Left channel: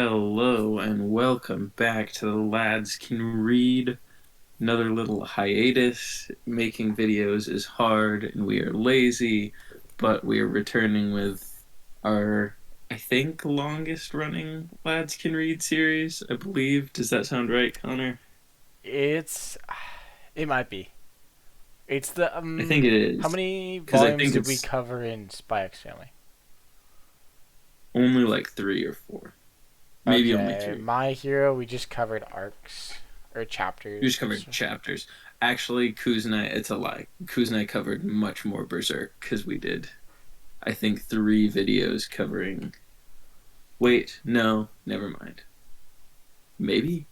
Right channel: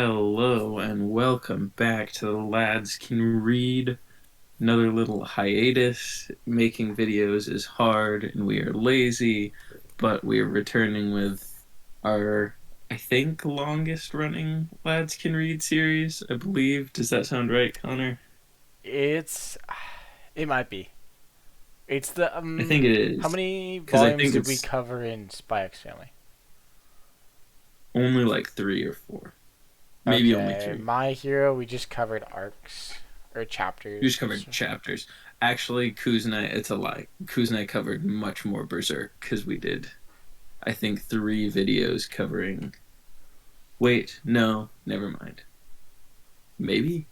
Hello and welcome back to the Lads Can Read. Another little hiatus. Making videos is hard and we are lazy, but we are returning with our, I think, longest running Lads Can Read series, I believe. Does that sound right, Connor? It's it might be. It's the I think it how is. many Because I volumes think did we it's cover in Spy X Family? only like three or four. Maybe only Okay, two. My Hero we just covered arcs or We just chapters. covered chapters. Actually, Kuz and I, it's a lie. Kuz and I covered much more Berserk because we did, I think, three videos covering. Wait, no, never mind. Maybe?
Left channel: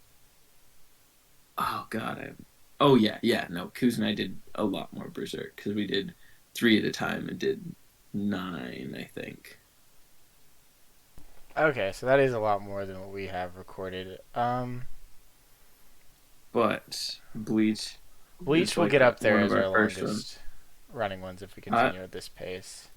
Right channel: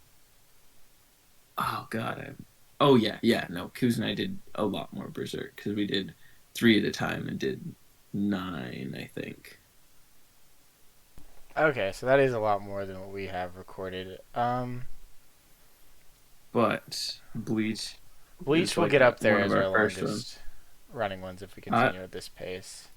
Oh, God. Oh, yeah, yeah. No, Kuz and I did a lot more Berserk because we did three at a time and did nine, I think. Okay, so that is a lot more than what we have recorded. But Bleach is Bleach will like get up there one of as our our first ones. longest running ones if we I, continue at this pace.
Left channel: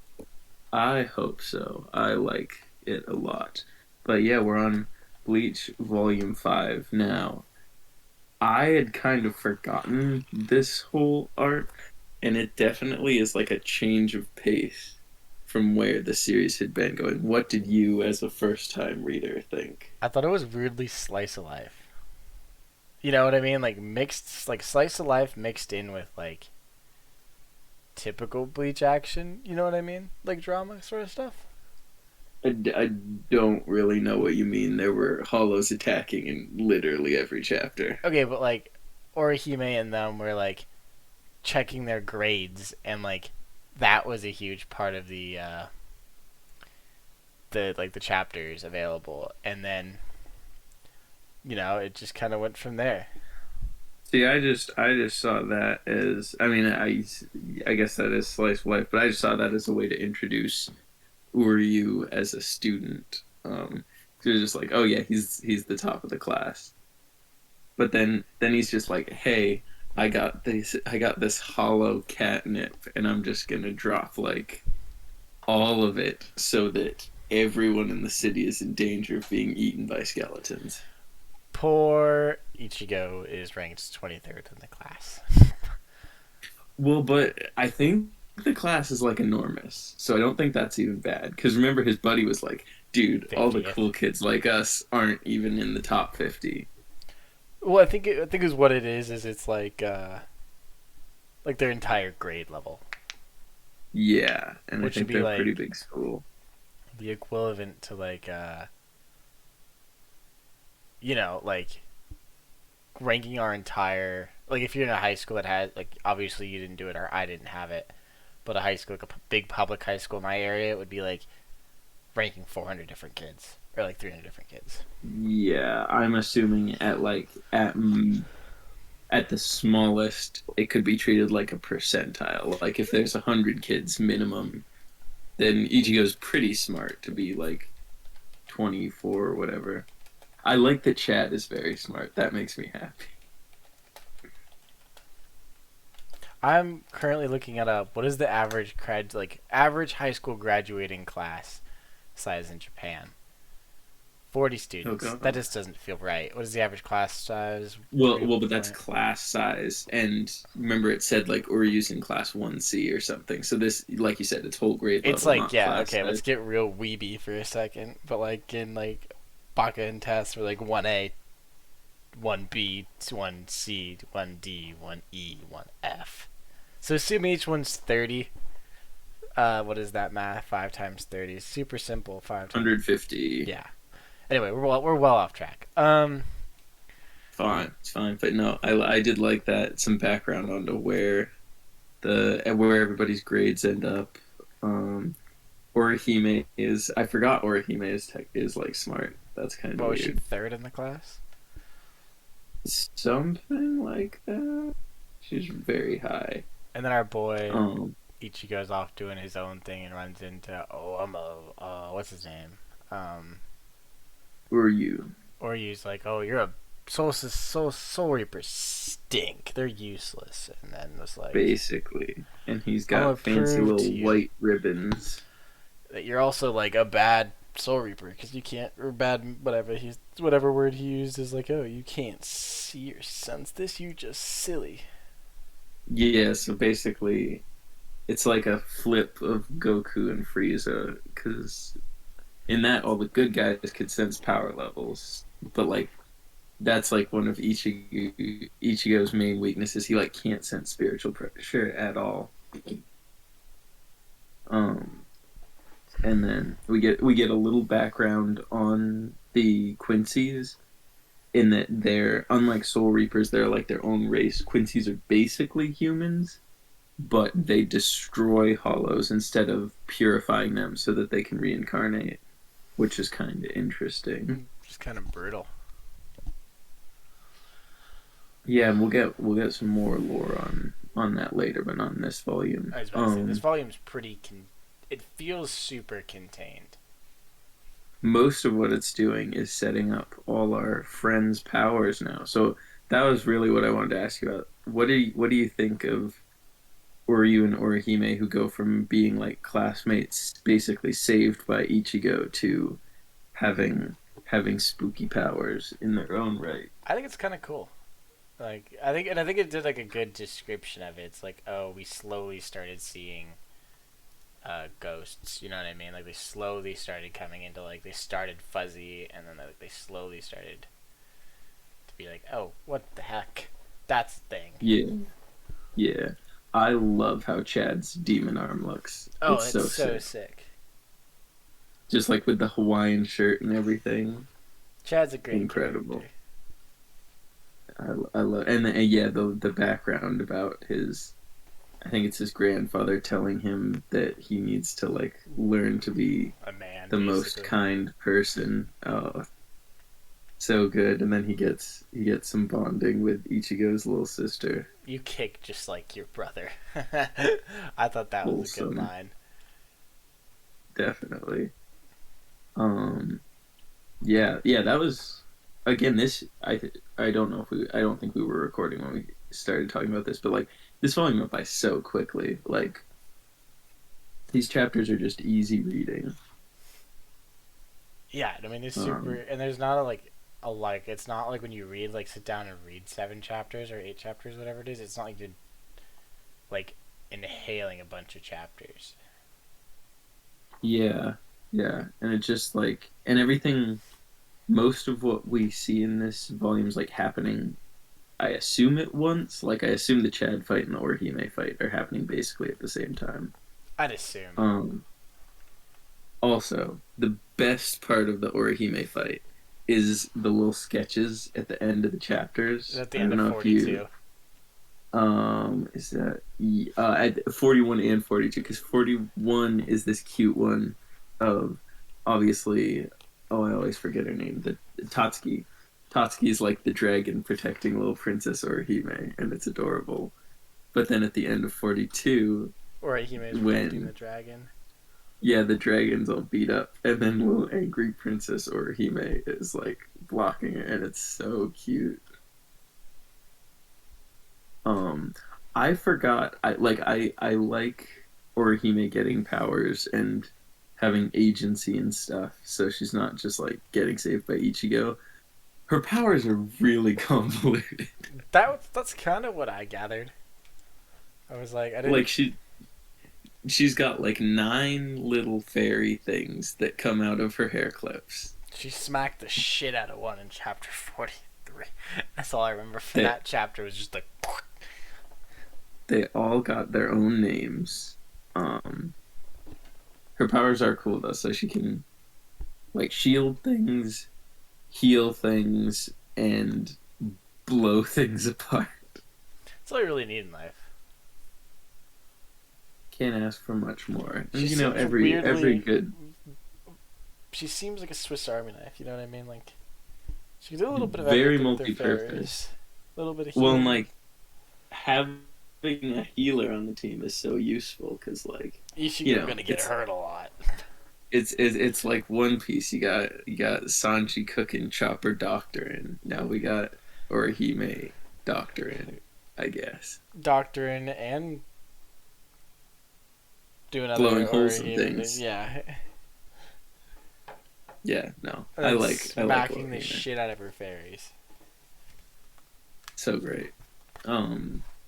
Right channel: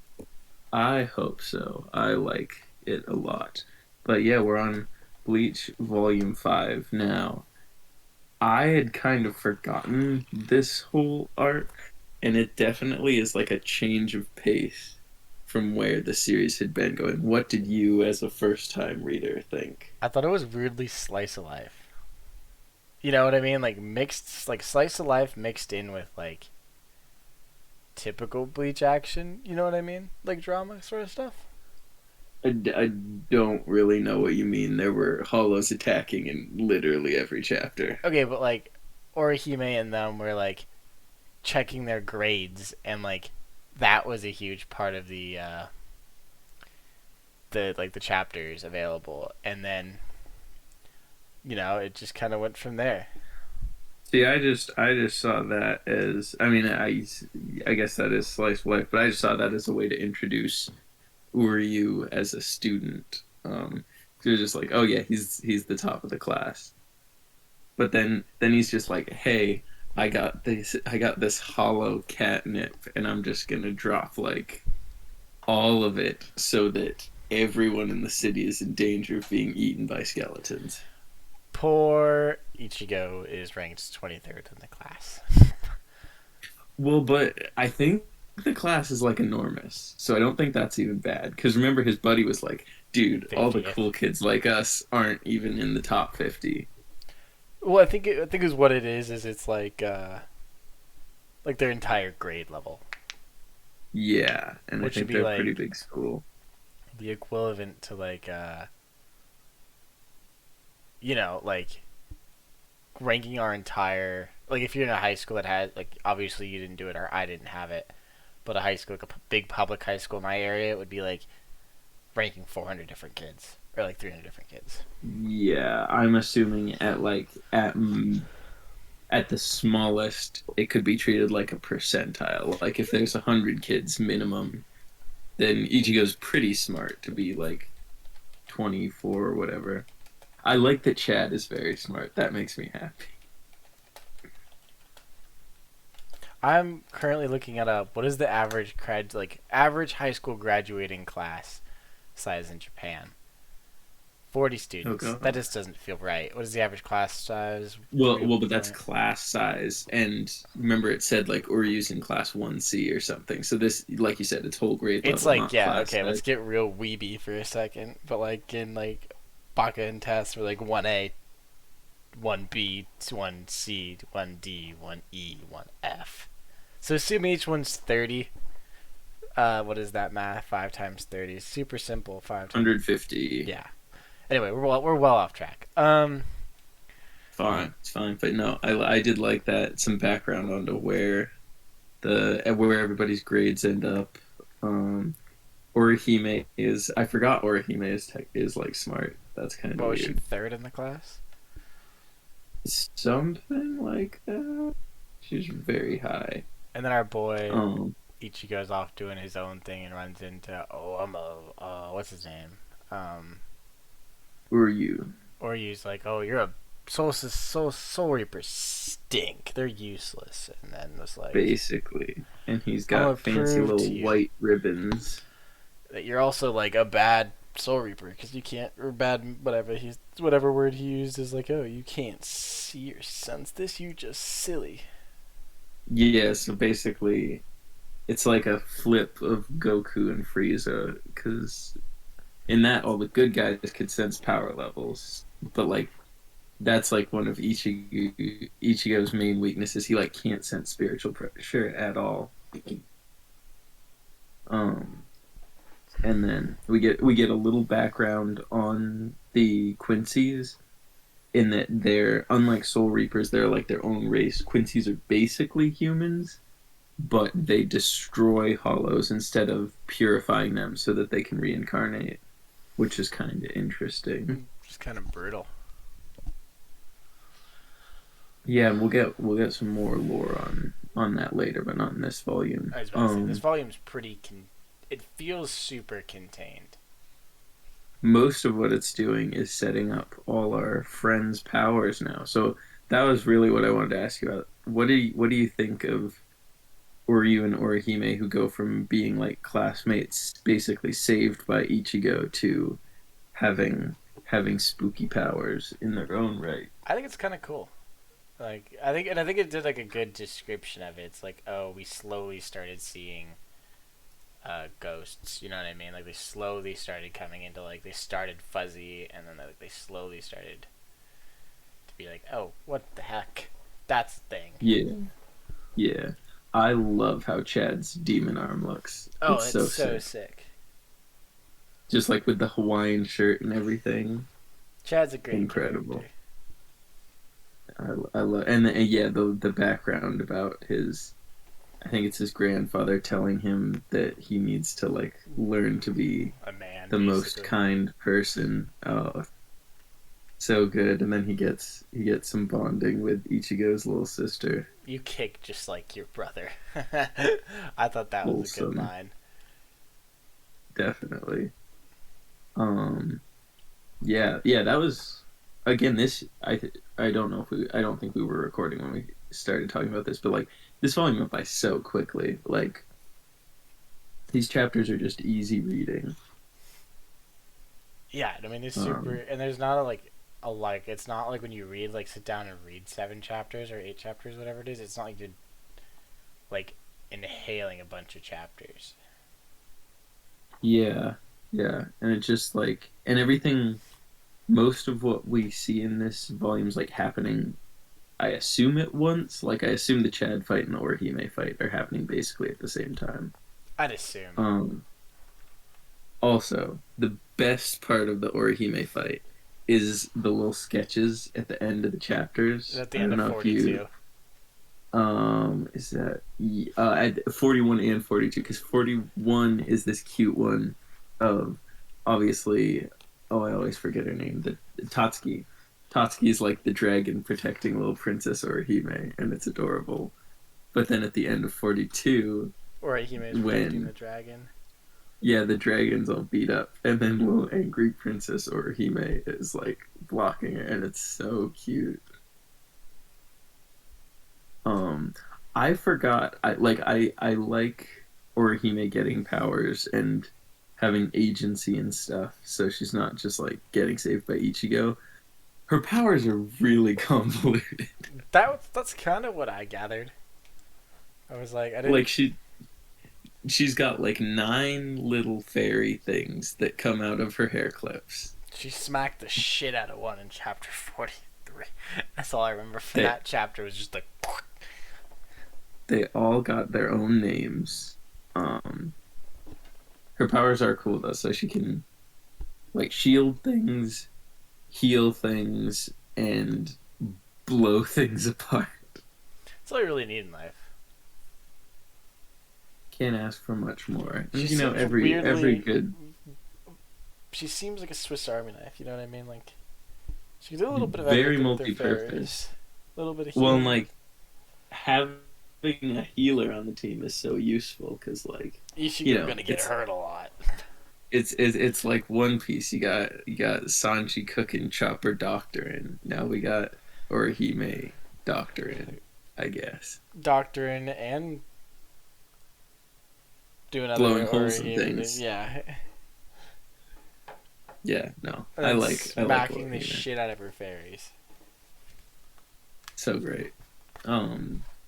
I hope so. I like it a lot. But yeah, we're on Bleach Volume 5 now. I had kind of forgotten this whole arc, and it definitely is like a change of pace from where the series had been going. What did you, as a first time reader, think? I thought it was weirdly slice of life. You know what I mean? Like mixed, like slice of life mixed in with like typical Bleach action. You know what I mean? Like drama sort of stuff. I don't really know what you mean. There were hollows attacking in literally every chapter. Okay, but like Orihime and them were like checking their grades, and like that was a huge part of the chapters available, and then it just kind of went from there. See, I just saw that as, I mean, I guess that is slice of life, but I just saw that as a way to introduce Uryu as a student. He was just like, oh yeah, he's the top of the class. But then he's just like, hey, I got this hollow catnip, and I'm just gonna drop like all of it so that everyone in the city is in danger of being eaten by skeletons. Poor Ichigo is ranked 23rd in the class. Well, but I think the class is like enormous, so I don't think that's even bad. Because remember, his buddy was like, dude, all the 50th. cool kids like us aren't even in the top 50. Well, I think is what it is it's like their entire grade level, Yeah, and I which would think be they're a pretty like big school. the equivalent to like like ranking our entire, like if you're in a high school that has, like, obviously you didn't do it or I didn't have it, but a high school, like a big public high school in my area, it would be like ranking 400 different kids or like 300 different kids. Yeah, I'm assuming at the smallest, it could be treated like a percentile. Like if there's 100 kids minimum, then Ichigo's pretty smart to be like 24 or whatever. I like that Chad is very smart. That makes me happy. I'm currently looking at what is the average high school graduating class size in Japan. 40 Oh students. That god. just doesn't feel right. What is the average class size? Well, but that's class size, and remember it said like we're using class 1C or something. So this, like you said, it's whole grade It's level, like, not yeah, class okay, let's size. get real weeby for a second. But like in like Baka and tests we're like 1A, 1B, 1C, 1D, 1E, 1F. So assuming each one's 30, what is that math? 5 times 30. Super simple. 5 times. 150. Yeah. Anyway, we're well off track. Fine, it's fine. But no, I did like that some background onto where everybody's grades end up. Um, Orihime is, I forgot Orihime is like smart. That's kind of What was she, weird. third in the class? Something like that. She's very high. And then our boy Um, Ichigo's off doing his own thing and runs into, what's his name? Um, who are you? or he's like, oh, you're a soul reaper stink. They're useless. And then was like, Basically, and he's I'm gonna got fancy prove to little you white ribbons. that you're also like a bad Soul Reaper, because you can't, or bad, whatever whatever word he used is like, oh, you can't see or sense this. You just silly. Yeah, so basically, it's like a flip of Goku and Frieza, because in that all the good guys could sense power levels, but like that's like one of Ichigo's main weaknesses. He like can't sense spiritual pressure at all. Um, and then we get a little background on the Quincy's in that they're unlike Soul Reapers, they're like their own race. Quincy's are basically humans, but they destroy hollows instead of purifying them so that they can reincarnate, which is kind of interesting. Just kind of brutal. Yeah, we'll get some more lore on that later, but not in this volume. I was about to say, this volume's pretty. It feels super contained. Most of what it's doing is setting up all our friends' powers now. So that was really what I wanted to ask you about. What do you think of Oryu and Orihime who go from being like classmates, basically saved by Ichigo, to having having spooky powers in their own right? I think it's kind of cool. Like I think it did like a good description of it. It's like, oh, we slowly started seeing ghosts. You know what I mean? Like they slowly started coming into like they started fuzzy, and then they slowly started to be like, oh, what the heck? That's the thing. Yeah, yeah. I love how Chad's demon arm looks. Oh, It's it's so so sick. sick. Just like with the Hawaiian shirt and everything. Chad's a great Incredible. character. I love and yeah, the background about his, I think it's his grandfather telling him that he needs to like learn to be A man, the most basically. kind person. Oh, so good. And then he gets some bonding with Ichigo's little sister. You kick just like your brother. I thought that was a good Wholesome, line. definitely. Um, yeah, yeah. That was again. I don't know if I don't think we were recording when we started talking about this, but like this volume went by so quickly. Like these chapters are just easy reading. Yeah, I mean it's super, Um, and there's not a like it's not like when you read like sit down and read 7 chapters or 8 chapters, whatever it is. It's not like you're like inhaling a bunch of chapters. yeah, yeah, and it just like and everything. Most of what we see in this volume is like happening. I assume at once. Like I assume the Chad fight and the Orihime fight are happening basically at the same time. I'd assume. Um, Also, the best part of the Orihime fight is the little sketches at the end of the chapters. At the I end don't of know if you 42. is that at 41 and 42, because 41 is this cute one of obviously, oh, I always forget her name, the Tatsuki. Tatsuki's like the dragon protecting little Princess Orihime, and it's adorable. But then at the end of 42, Or Hime is protecting the when dragon. yeah, the dragon's all beat up, and then little angry Princess Orihime is like blocking it, and it's so cute. Um, I forgot. I like Orihime getting powers and having agency and stuff, so she's not just like getting saved by Ichigo. Her powers are really convoluted. That's kind of what I gathered. I was like, I Like didn't. she's got like nine little fairy things that come out of her hair clips. She smacked the shit out of one in chapter 43. That's all I remember from They that chapter was just like. they all got their own names. Um, Her powers are cool though, so she can like shield things, heal things, and blow things apart. That's all you really need in life. Can't ask for much more. She And seems every weirdly. good, She seems like a Swiss Army knife. You know what I mean? Like she can do a little bit of very everything with her multi-purpose. fairies. A little bit of Well, and healing. like having a healer on the team is so useful because like Ishigo gonna get it's hurt a lot. it's like One Piece. You got Sanji cooking Chopper doctoring. Now we got Orihime doctoring, I guess. Doctoring and doing other Blowing or holes in even things. yeah. Yeah, no, and I then like smacking the Volcano. shit out of her fairies. So great.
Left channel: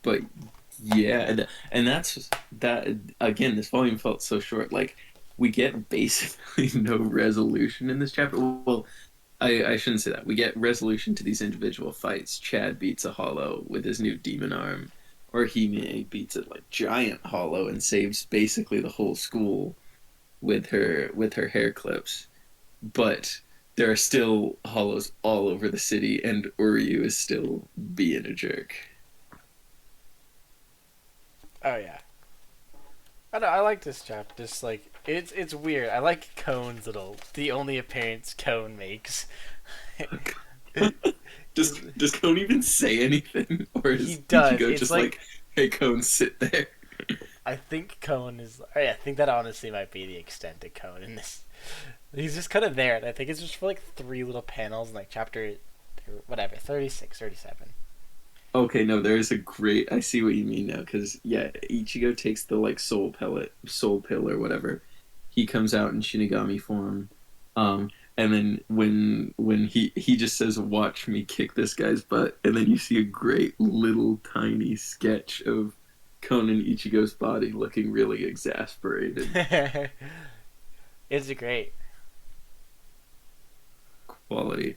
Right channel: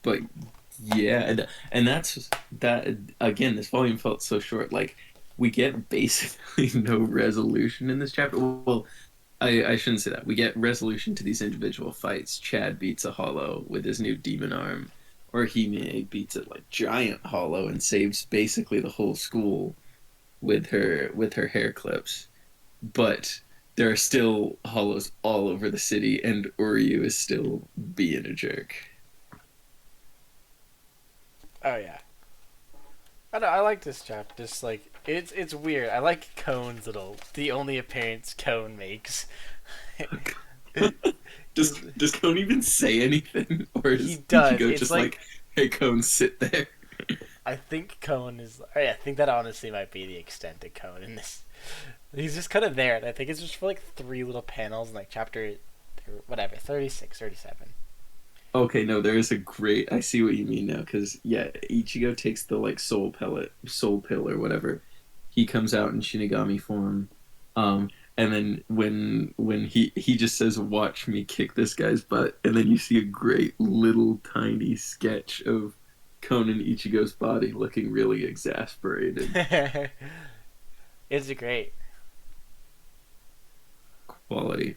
But yeah, and that's that again. This volume felt so short. Like we get basically no resolution in this chapter. Well, I shouldn't say that. We get resolution to these individual fights. Chad beats a Hollow with his new demon arm, or Hime beats a like giant Hollow and saves basically the whole school with her hair clips. But there are still Hollows all over the city, and Uryu is still being a jerk. Oh yeah, I know. I like this chapter. Just like it's weird. I like Kone's little the only appearance Kone makes. does He's, does Cone even say anything, or he is does. Ichigo It's just like like, "Hey, Cone, sit there"? I think Kone is. I think that honestly might be the extent of Kone in this. He's just kind of there, and I think it's just for like three little panels in like chapter, whatever, 36, 37. Okay, no, there is a great. I see what you mean now, because yeah, Ichigo takes the like soul pill or whatever. He comes out in Shinigami form, and then when he just says, "Watch me kick this guy's butt," and then you see a great little tiny sketch of Conan Ichigo's body looking really exasperated. It's great. Quality,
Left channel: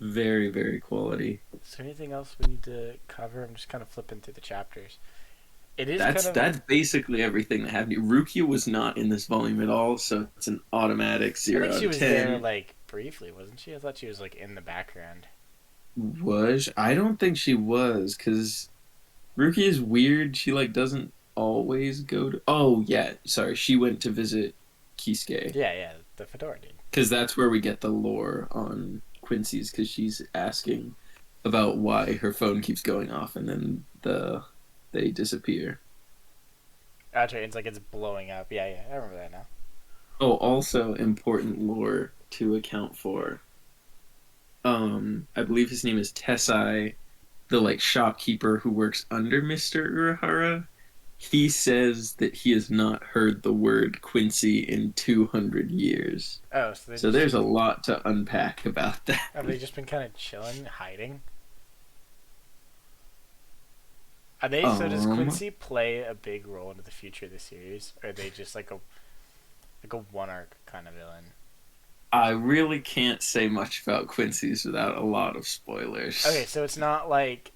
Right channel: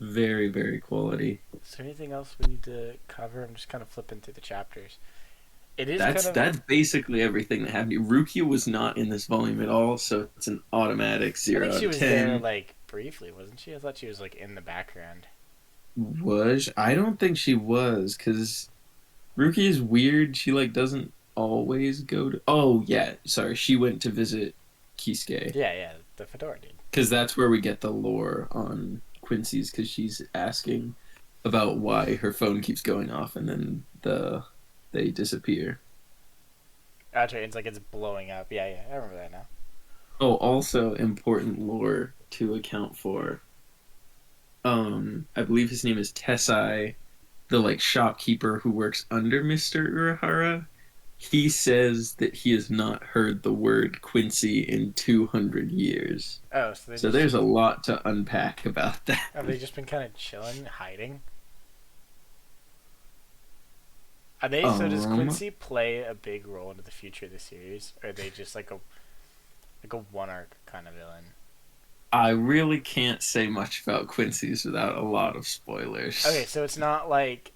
very very quality. Is there anything else we need to cover? I'm just kind of flipping through the chapters. It is kind of. That's basically everything that happened. Rukia was not in this volume at all, so it's an automatic I think zero out she of was there 10. like briefly, wasn't she? I thought she was like in the background. Was I don't think she was because Rukia is weird. She like doesn't always go to. Oh yeah, sorry. She went to visit Kisuke Yeah, yeah, the fedora dude. because that's where we get the lore on Quincy's because she's asking about why her phone keeps going off and then they disappear. That's right. It's like it's blowing up. Yeah, yeah, I remember that now. Oh, also important lore to account for. I believe his name is Tessai, the like shopkeeper who works under Mr. Urahara. He says that he has not heard the word Quincy in 200 years. Oh, so they So just there's a lot to unpack about that. have they just been kind of chilling, hiding? Are they? So does Um, Quincy play a big role into the future of the series, or are they just like a one arc kind of villain? I really can't say much about Quincy's without a lot of Okay, spoilers. so it's not like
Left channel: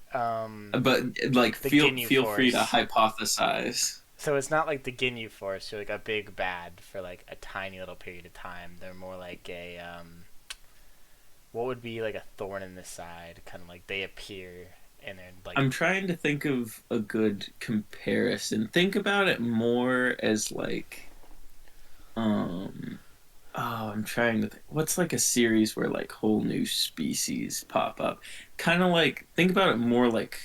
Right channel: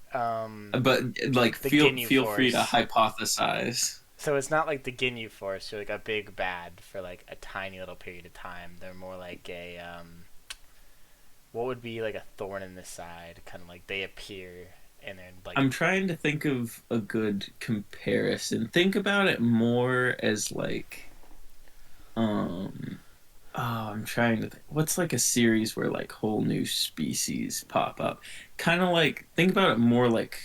But like the feel Ginyu feel free to Force. hypothesize. So it's not like the Ginyu Force, who are like a big bad for like a tiny little period of time. They're more like a what would be like a thorn in the side, kind of like they appear and then like I'm trying to think of a good comparison. Think about it more as like um oh, I'm trying to think. What's like a series where like whole new species pop up? Kind of like think about it more like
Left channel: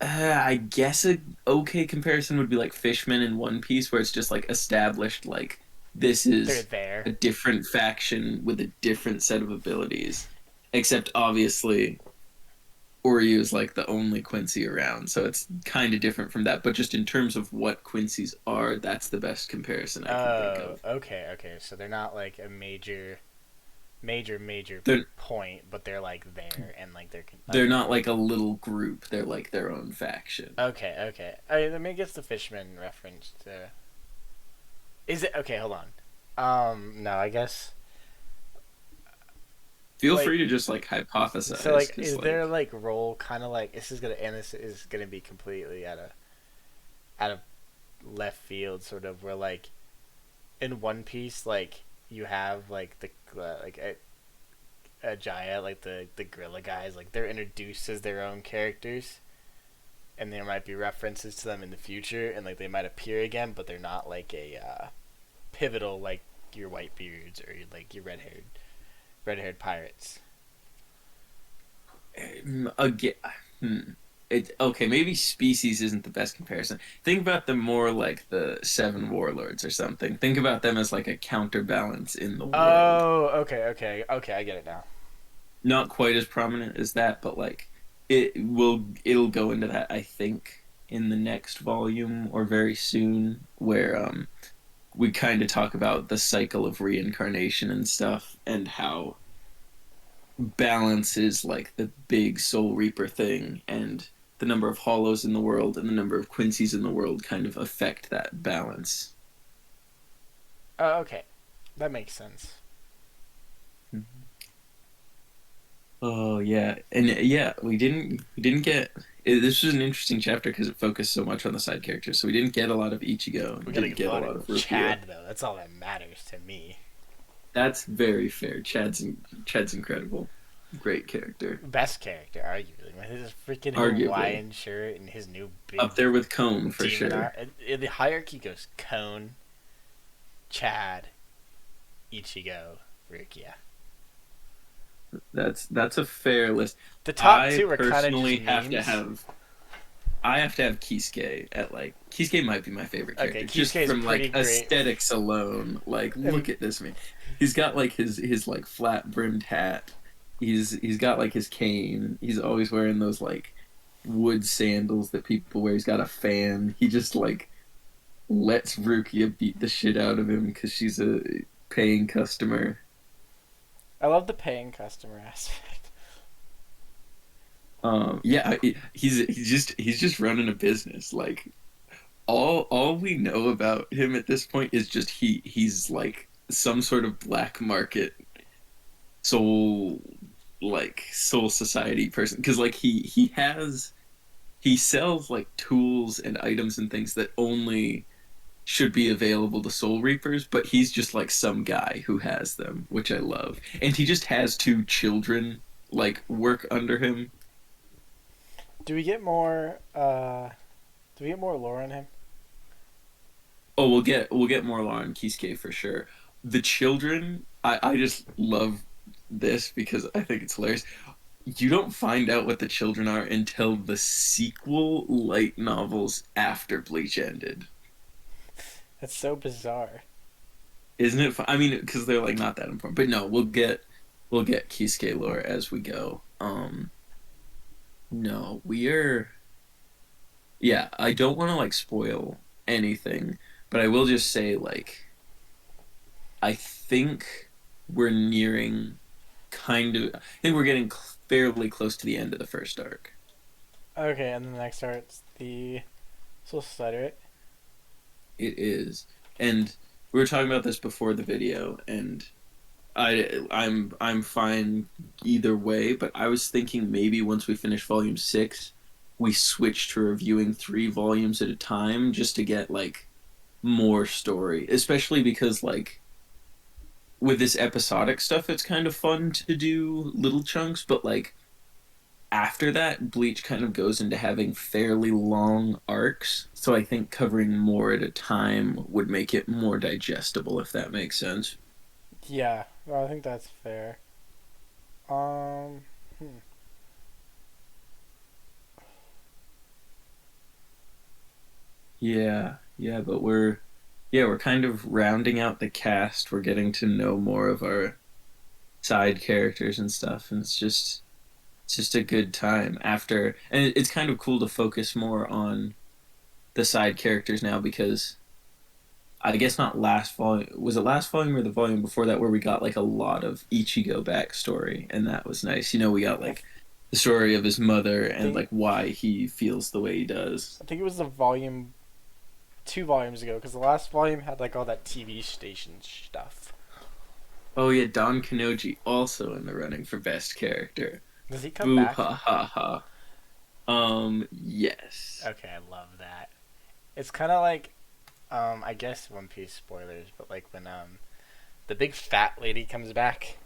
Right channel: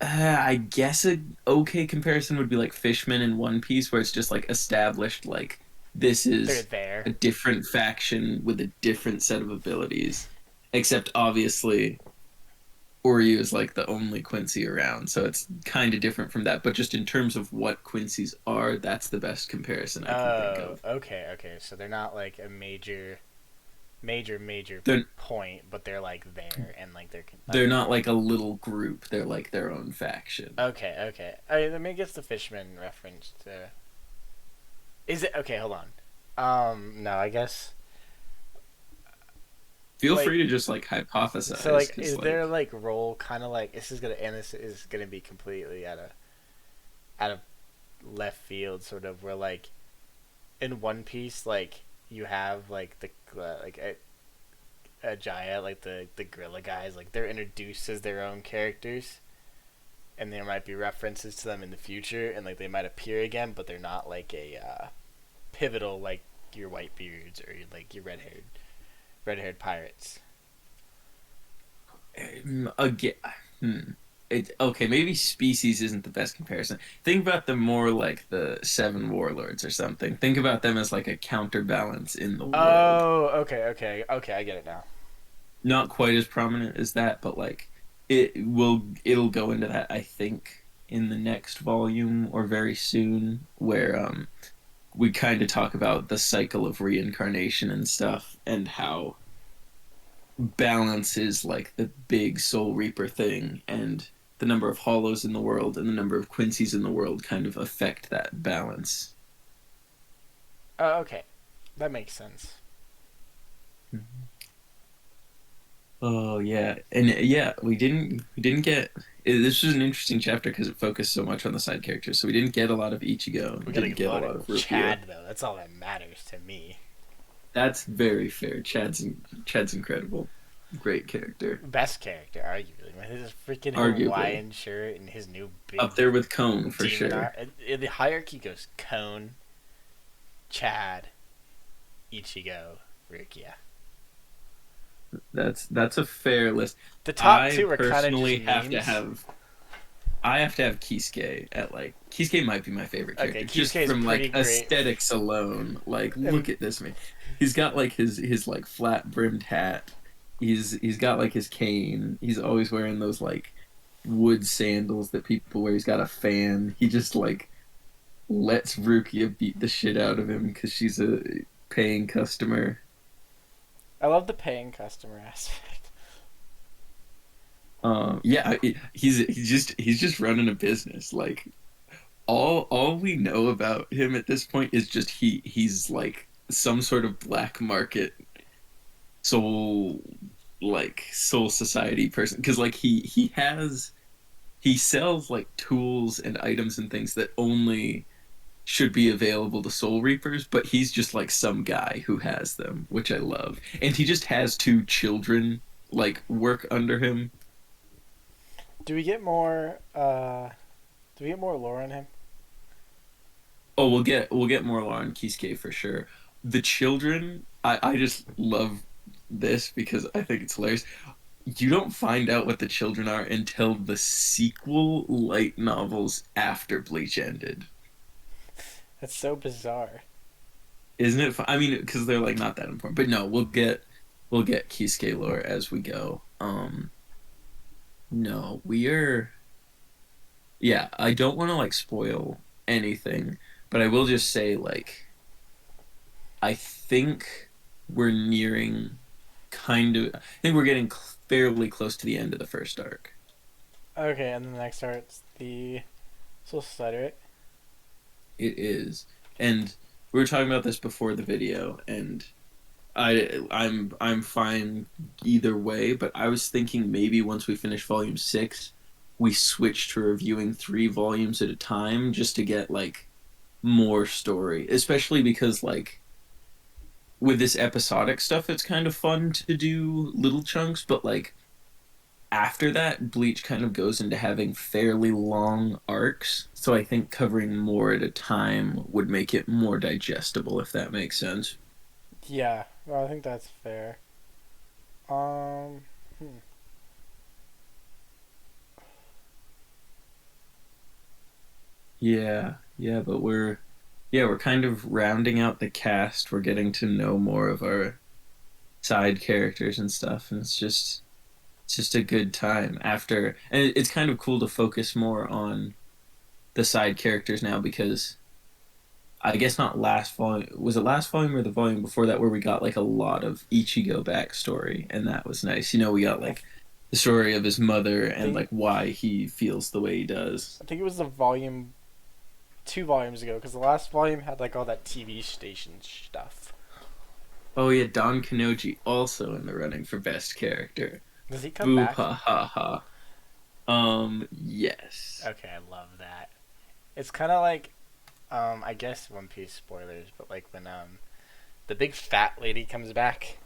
I guess a okay comparison would be like Fishman in One Piece where it's just like established like this they're is there. a different faction with a different set of abilities. Except obviously Oreo is like the only Quincy around, so it's kind of different from that. But just in terms of what Quincy's are, that's the best comparison I can think Oh, of. okay, okay. So they're not like a major They're point, but they're like there and like they're they're okay. not like a little group. They're like their own faction. Okay, okay. Let me get the Fishman reference to. Is it okay? Hold on. No, I guess Feel like free to just like so. hypothesize, Like, because is there like like role kind of like this is gonna and this is gonna be completely out of left field, sort of where like in One Piece, like you have like the like a Jaya, like the gorilla guys, like they're introduced as their own characters, and there might be references to them in the future, and like they might appear again, but they're not like a pivotal like your white beards or like your red haired pirates. again, hmm. It okay. Maybe species isn't the best comparison. Think about them more like the Seven Warlords or something. Think about them as like a counterbalance in the world. Oh, okay, okay, okay. I get it now. Not quite as prominent as that, but like it'll go into that I think in the next volume or very soon, where we kind of talk about the cycle of reincarnation and stuff, and how balance is like the big Soul Reaper thing, and the number of hollows in the world and the number of Quincy's in the world kind of affect that balance. Oh, okay, that makes sense. Oh yeah, and yeah, we didn't get. This was an interesting chapter because it focused so much on the side characters. So we didn't get a lot of Ichigo, We and gotta didn't get a get a lot lot of of Rukia. Chad though. That's all that matters to me. That's very fair. Chad's incredible, great character, Best character, arguably. With his freaking arguably Hawaiian shirt and his new big up there with Cone for demon sure. art. The hierarchy goes Cone, Chad, Ichigo, Rukia. That's a fair list. The top I two are kind of just personally have to memes. have I have to have Kisuke at like Kisuke might be my favorite Okay, character just Kisuke is from pretty like great. aesthetics alone. Like look And at this man. He's got like his like flat brimmed hat. He's got like his cane. He's always wearing those like wood sandals that people wear. He's got a fan. He just like lets Rukia beat the shit out of him because she's a paying customer. I love the paying customer aspect. Yeah, he's just running a business. Like all we know about him at this point is just he's like some sort of black market soul soul society person because like he sells like tools and items and things that only should be available to soul reapers, but he's just like some guy who has them, which I love. And he just has two children like work under him. Do we get more? Do we get more lore on him? Oh, we'll get more on Kisuke for sure. The children, I just love this because I think it's hilarious. You don't find out what the children are until the sequel light novels after Bleach ended. That's so bizarre. Isn't it? I mean, because they're like not that important. But no, we'll get Kisuke lore as we go. No, we are. Yeah, I don't want to like spoil anything, but I will just say like I think we're nearing I think we're getting fairly close to the end of the first arc. Okay, and then the next starts the Soul Society, right? It is. And we were talking about this before the video, and I'm fine either way, but I was thinking maybe once we finish volume 6, we switch to reviewing 3 volumes at a time just to get like more story, especially because like with this episodic stuff it's kind of fun to do little chunks, but like after that, Bleach kind of goes into having fairly long arcs. So I think covering more at a time would make it more digestible, if that makes sense. Yeah, well, I think that's fair. Um, hmm. Yeah, yeah, but we're kind of rounding out the cast. We're getting to know more of our side characters and stuff, and it's just a good time after. And it's kind of cool to focus more on the side characters now because I guess not last volume. Was it last volume or the volume before that where we got like a lot of Ichigo backstory, and that was nice. We got I like the story of his mother and think like why he feels the way he does. I think it was the volume 2 volumes ago because the last volume had like all that TV station stuff. Oh yeah, Don Kanoji also in the running for best character. Does he come Boo back? ha ha ha. Yes. Okay, I love that. It's kind of like, I guess One Piece spoilers, but like when the big fat lady comes back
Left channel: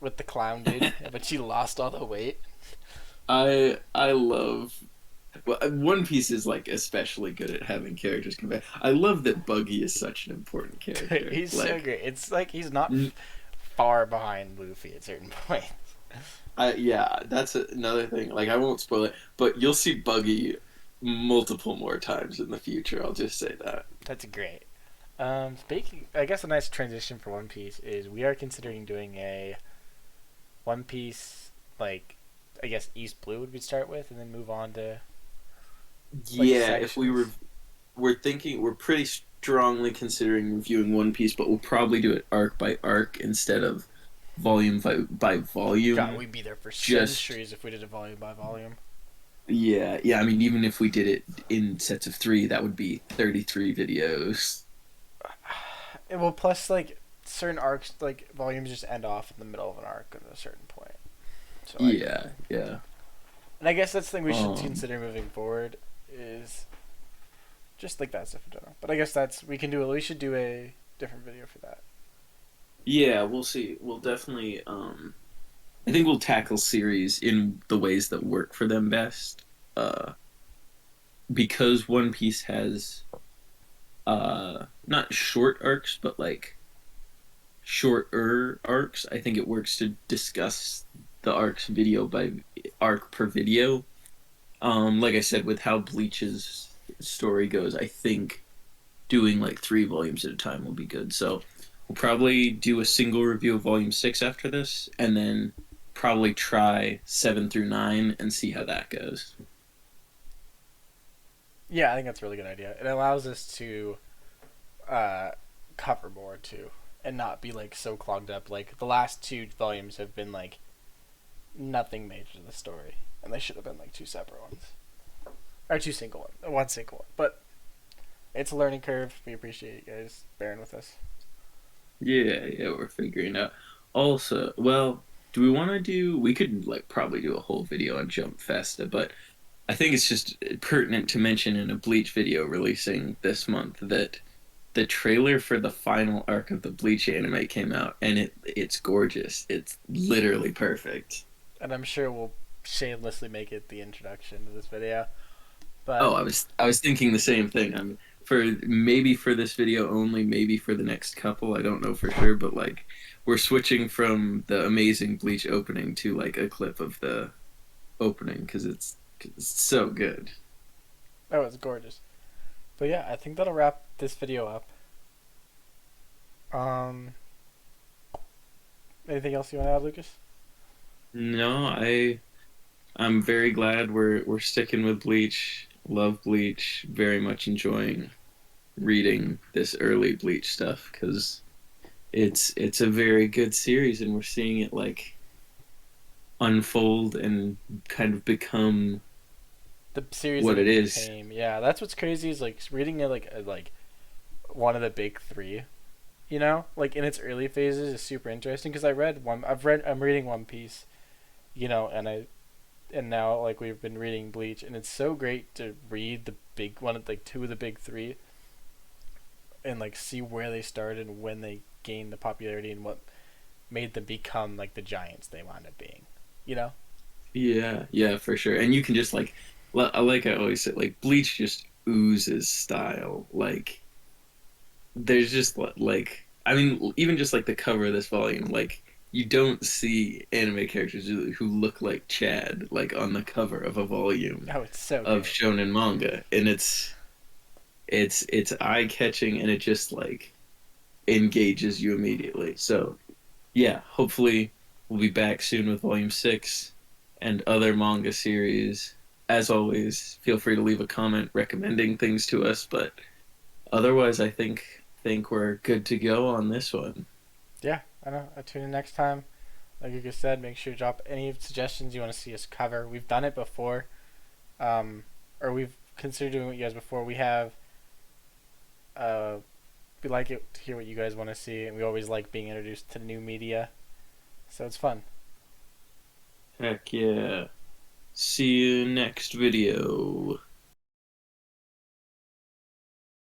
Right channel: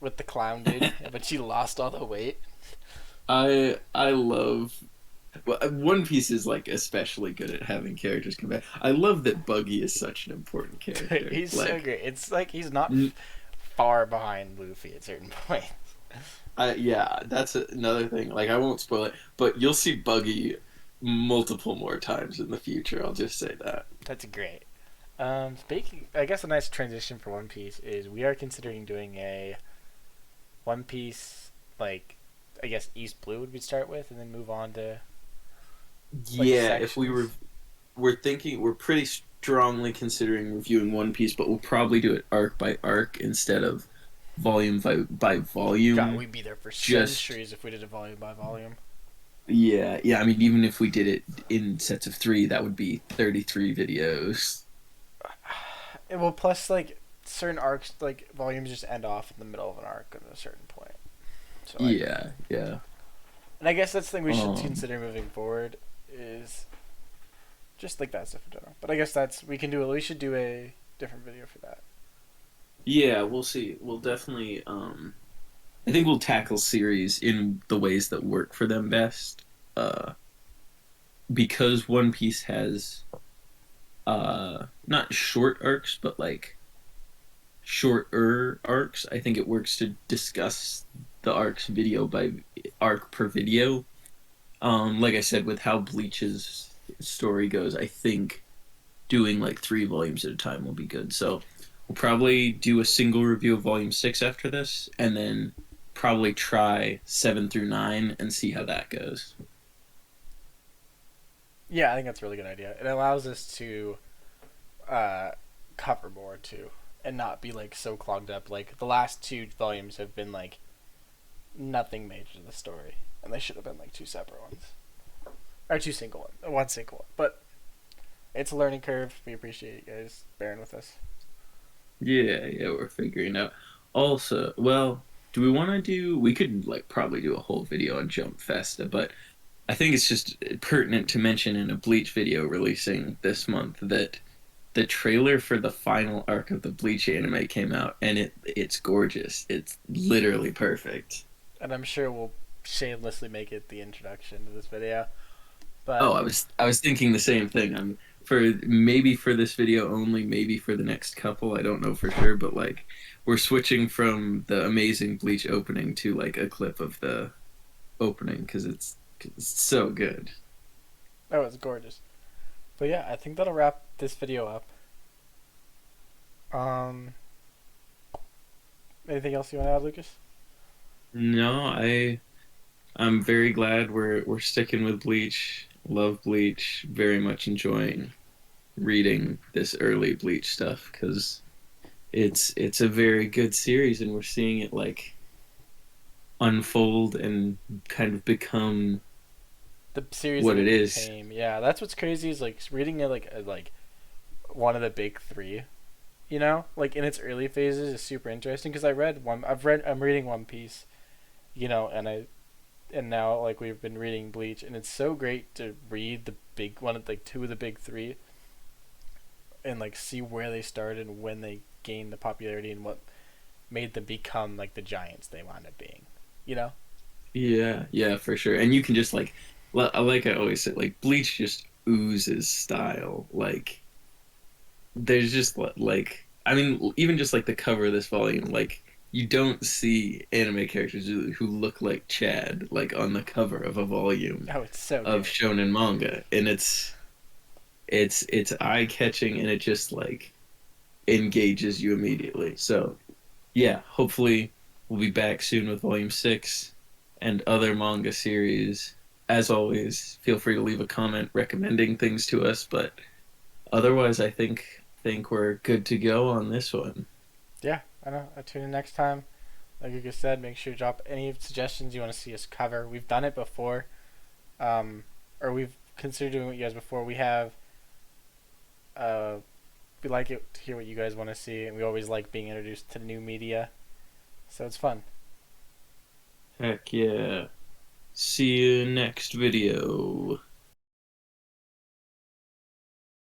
with the clown dude, but she lost all the weight. I love. Well, One Piece is like especially good at having characters come back. I love that Buggy is such an important character. He's so Like, great. It's like he's not far behind Luffy at certain points. yeah, that's another thing. Like, I won't spoil it, but you'll see Buggy multiple more times in the future. I'll just say that. That's great. Speaking, I guess a nice transition for One Piece is we are considering doing a One Piece like, I guess East Blue would we start with, and then move on to like Yeah, if we sections. were, we're thinking we're pretty. strongly considering reviewing One Piece, but we'll probably do it arc by arc instead of volume by God, volume. we'd be there for Just centuries if we did it volume by volume. yeah, yeah. I mean, even if we did it in sets of three, that would be 33 videos. Well, plus like certain arcs, like volumes just end off in the middle of an arc at a certain point. So like, Yeah, yeah. and I guess that's the thing we should Um, consider moving forward is just like that stuff in general. But I guess that's we can do. We should do a different video for that. yeah, we'll see. We'll definitely. I think we'll tackle series in the ways that work for them best. Uh, because One Piece has not short arcs, but like shorter arcs. I think it works to discuss the arcs video by arc per video. Like I said, with how Bleach's story goes, I think doing like 3 volumes at a time will be good. So we'll probably do a single review of volume 6 after this, and then probably try 7 through 9 and see how that goes. Yeah, I think that's a really good idea. It allows us to uh, cover more too, and not be like so clogged up. Like the last 2 volumes have been like nothing major to the story, and they should have been like 2 separate ones or 2 single ones, one single one. But it's a learning curve. We appreciate you guys bearing with us. Yeah, yeah, we're figuring out. Also, well, do we want to do? We could like probably do a whole video on Jump Festa, but I think it's just pertinent to mention in a Bleach video releasing this month that the trailer for the final arc of the Bleach anime came out, and it's gorgeous. It's literally perfect. And I'm sure we'll shamelessly make it the introduction to this video. Oh, But I was thinking the same thing. I'm for maybe for this video only, maybe for the next couple. I don't know for sure, but like we're switching from the amazing Bleach opening to like a clip of the opening because 'cause it's so good. that was gorgeous. But yeah, I think that'll wrap this video up. Um, anything else you want to add, Lucas? No, I'm very glad we're sticking with Bleach. Love Bleach. Very much enjoying reading this early Bleach stuff because it's a very good series, and we're seeing it like unfold and kind of become The series that what it it is. became. Yeah, that's what's crazy is like reading it like one of the big three. You know, like in its early phases is super interesting because I read one. I'm reading One Piece. You know, and now like we've been reading Bleach, and it's so great to read the big one, like 2 of the big 3, and like see where they started and when they gained the popularity and what made them become like the giants they wound up being. You know? Yeah, yeah, for sure. And you can just like I always say, like Bleach just oozes style. Like there's just like I mean, even just like the cover of this volume, like you don't see anime characters who look like Chad like on the cover of a volume Oh, it's so of good. shonen manga, and it's eye catching, and it just like engages you immediately. So yeah, hopefully we'll be back soon with volume 6 and other manga series. As always, feel free to leave a comment recommending things to us, but otherwise I think we're good to go on this one. Yeah, I know. I tune in next time. Like you just said, make sure to drop any suggestions you want to see us cover. We've done it before, um, or we've considered doing what you guys before. Uh, we like it to hear what you guys want to see, and we always like being introduced to new media, so it's fun. Heck yeah. See you next video.